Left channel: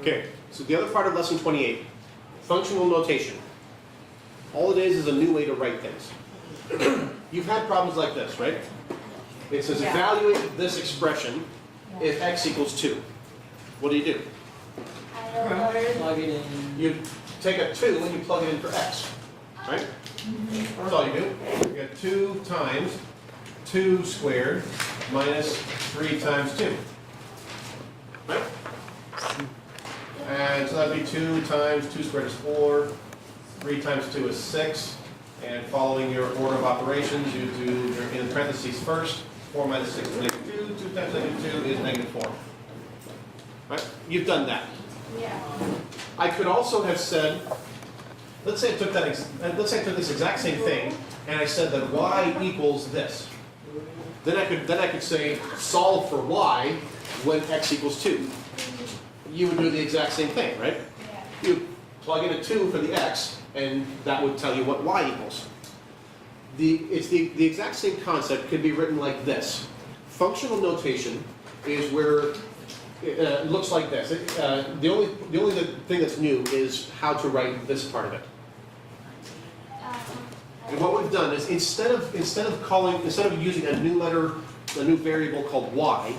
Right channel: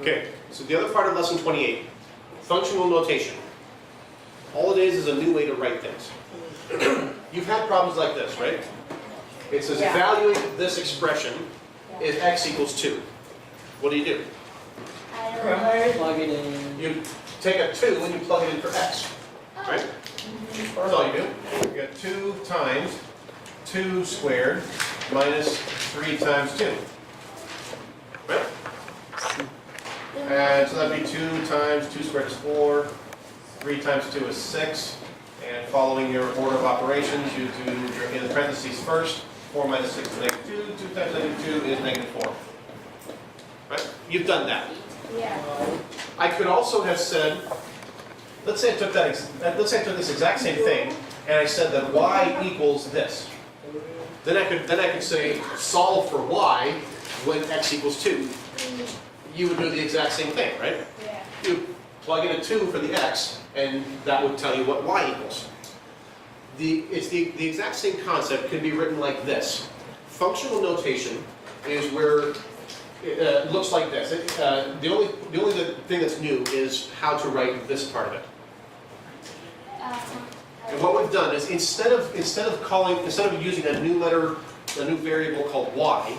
Okay, so the other part of lesson 28, functional notation. All it is a new way to write things. You've had problems like this, right? It says evaluate this expression if x equals 2. What do? Plug it in. You take a 2 and you plug it in for x, right? That's all you do. You get 2 times 2 squared minus 3 times 2. Right? And so that'd be 2 times 2 squared is 4, 3 times 2 is 6, and following your order of operations, you do your in parentheses first. 4 minus 6 is negative 2, 2 times negative 2 is negative 4. Right? You've done that. Yeah. I could also have said, let's say I took this exact same thing, and I said that y equals this. Then I could say solve for y when x equals 2. You would do the exact same thing, right? Yeah. You plug in a 2 for the x, and that would tell you what y equals. It's the exact same concept could be written like this. Functional notation is where it looks like this. The only thing that's new is how to write this part of it. And what we've done is instead of using a new letter, a new variable called y,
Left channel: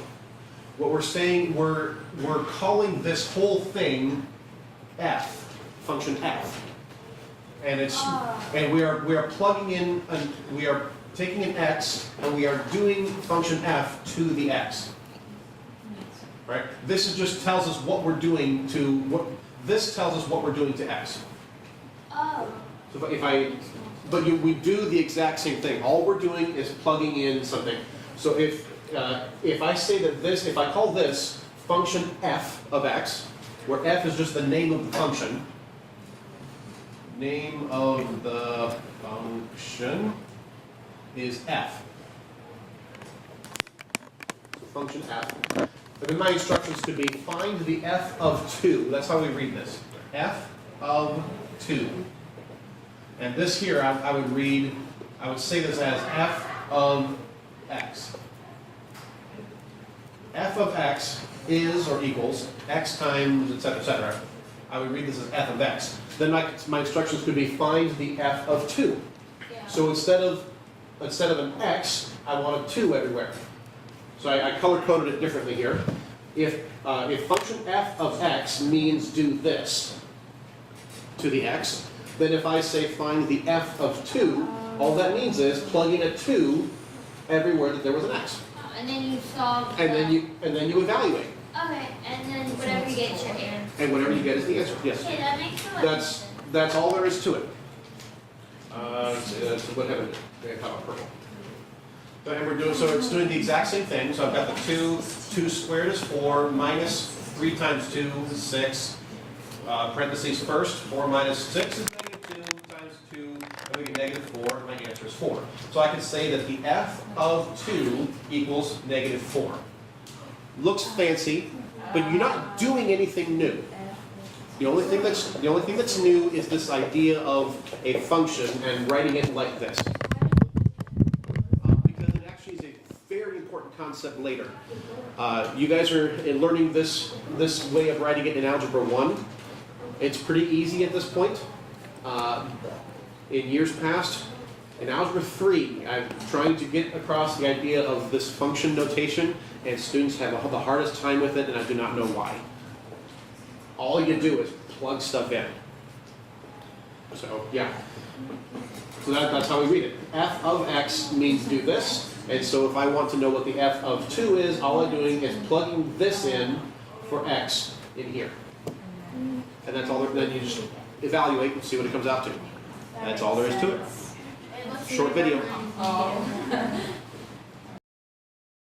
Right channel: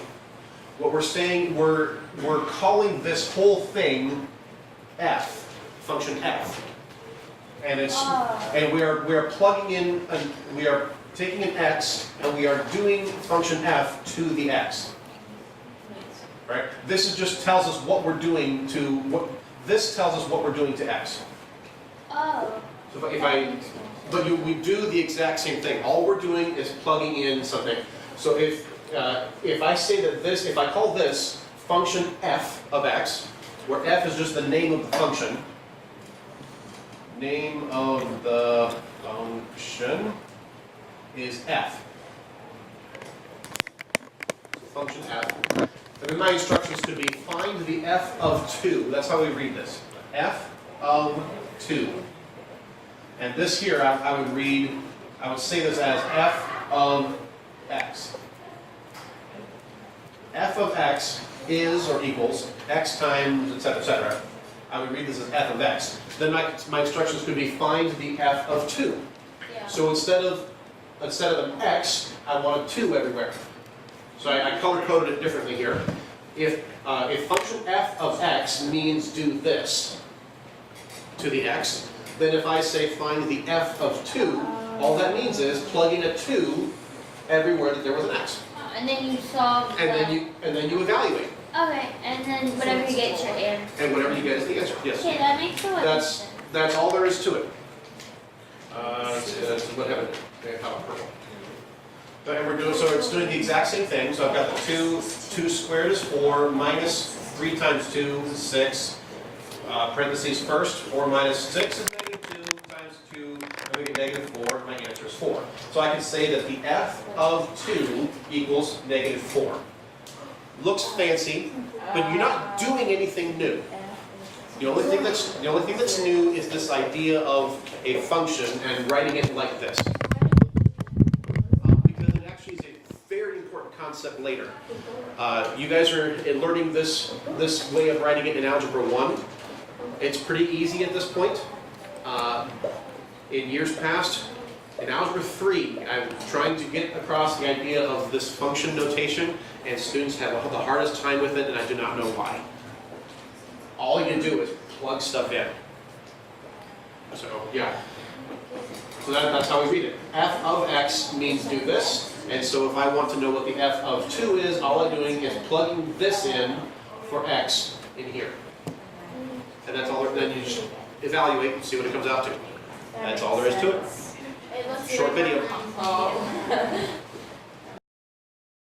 what we're saying we're calling this whole thing f, function f. And we are plugging in, we are taking an x, and we are doing function f to the x. Right? This just tells us what we're doing to this tells us what we're doing to x. Oh. So we do the exact same thing. All we're doing is plugging in something. So if I say that if I call this function f of x, where f is just the name of the function. Name of the function is f. So function f. And then my instructions could be find the f of 2. That's how we read this. F of 2. And this here I would say this as f of x. F of x is or equals x times, etc., etc. I would read this as f of x. Then my instructions could be find the f of 2. Yeah. So instead of an x, I want a 2 everywhere. So I color-coded it differently here. If function f of x means do this to the x, then if I say find the f of 2, all that means is plug in a 2 everywhere that there was an x. And then you solve. And then you evaluate. Okay, and then whatever you get is your answer. And whatever you get is the answer. Yes. Okay, that makes sense. That's all there is to it. So what happened? Purple. And so it's doing the exact same thing. So I've got the 2 squared is 4, minus 3 times 2 is 6. Parentheses first, 4 minus 6 is negative 2 times 2, and we get negative 4. My answer is 4. So I can say that the f of 2 equals negative 4. Looks fancy, but you're not doing anything new. The only thing that's new is this idea of a function and writing it like this. Because it actually is a very important concept later. You guys are learning this way of writing it in Algebra 1. It's pretty easy at this point. In years past, in Algebra 3, I'm trying to get across the idea of this function notation, and students have the hardest time with it, and I do not know why. All you do is plug stuff in. So, yeah. So that's how we read it. F of x means do this, and so if I want to know what the f of 2 is, all I'm doing is plugging this in for x in here. And that's all. Then you just evaluate and see what it comes out to. That's all there is to it. Short video.